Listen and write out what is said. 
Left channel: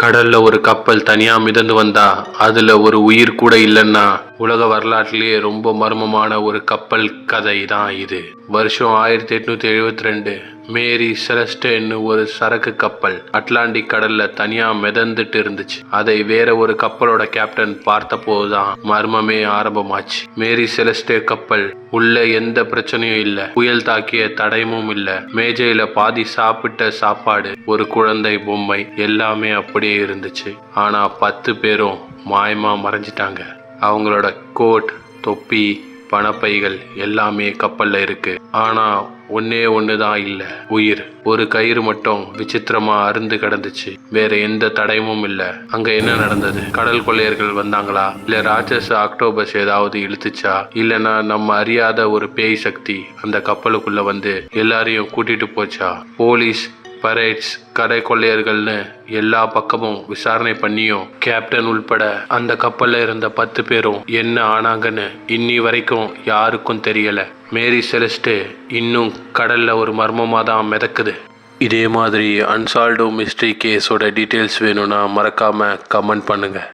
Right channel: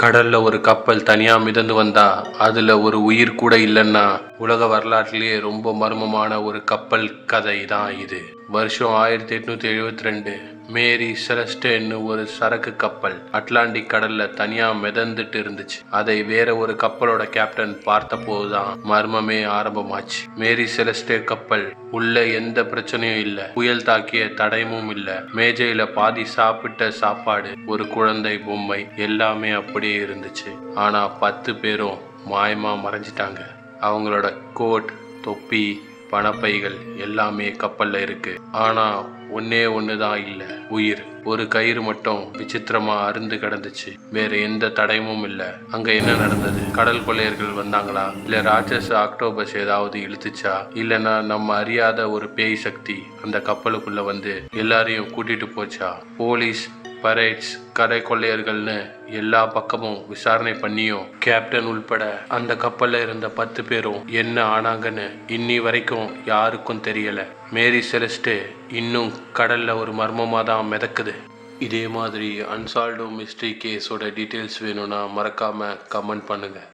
கடல்ல ஒரு கப்பல் தனியா மிதந்து வந்தா அதுல ஒரு உயிர் கூட இல்லைன்னா உலக வரலாற்றிலேயே ரொம்ப மர்மமான ஒரு கப்பல் கதை தான் இது. வருஷம் ஆயிரத்தி எட்நூத்தி எழுபத்தி ரெண்டு மேரி செலஸ்டேன்னு ஒரு சரக்கு கப்பல் அட்லாண்டிக் கடல்ல தனியா மிதந்துட்டு இருந்துச்சு. அதை வேற ஒரு கப்பலோட கேப்டன் பார்த்தபோதுதான் மர்மமே ஆரம்பமாச்சு. மேரி செலஸ்டே கப்பல் உள்ள எந்த பிரச்சனையும் இல்ல. புயல் தாக்கிய தடயமும் இல்ல. மேஜையில பாதி சாப்பிட்ட சாப்பாடு ஒரு குழந்தை பொம்மை எல்லாமே அப்படியே இருந்துச்சு. ஆனா பத்து பேரும் மாயமா மறைஞ்சிட்டாங்க. அவங்களோட கோட் தொப்பி பணப்பைகள் எல்லாமே கப்பலில் இருக்கு. ஆனா ஒன்னே தான் இல்லை. உயிர். ஒரு கயிறு மட்டும் விசித்திரமா அருந்து கிடந்துச்சு. வேற எந்த தடயமும் இல்லை. அங்க என்ன நடந்தது? கடல் கொள்ளையர்கள் வந்தாங்களா? இல்ல ராட்சச ஆக்டோபஸ் ஏதாவது இழுத்துச்சா? இல்லனா நம்ம அறியாத ஒரு பேய் சக்தி அந்த கப்பலுக்குள்ள வந்து எல்லாரையும் கூட்டிட்டு போச்சா? போலீஸ் பரேட்ஸ் கடை கொள்ளையர்கள்னு எல்லா பக்கமும் விசாரணை பண்ணியும் கேப்டன் உள்பட அந்த கப்பலில் இருந்த பத்து பேரும் என்ன ஆனாங்கன்னு இன்னி வரைக்கும் யாருக்கும் தெரியல. மேரி செலஸ்ட்டு இன்னும் கடலில் ஒரு மர்மமாக தான் மிதக்குது. இதே மாதிரி அன்சால்டோ மிஸ்ட்ரி கேஸோட டீட்டெயில்ஸ் வேணும்னா மறக்காமல் கமெண்ட் பண்ணுங்கள்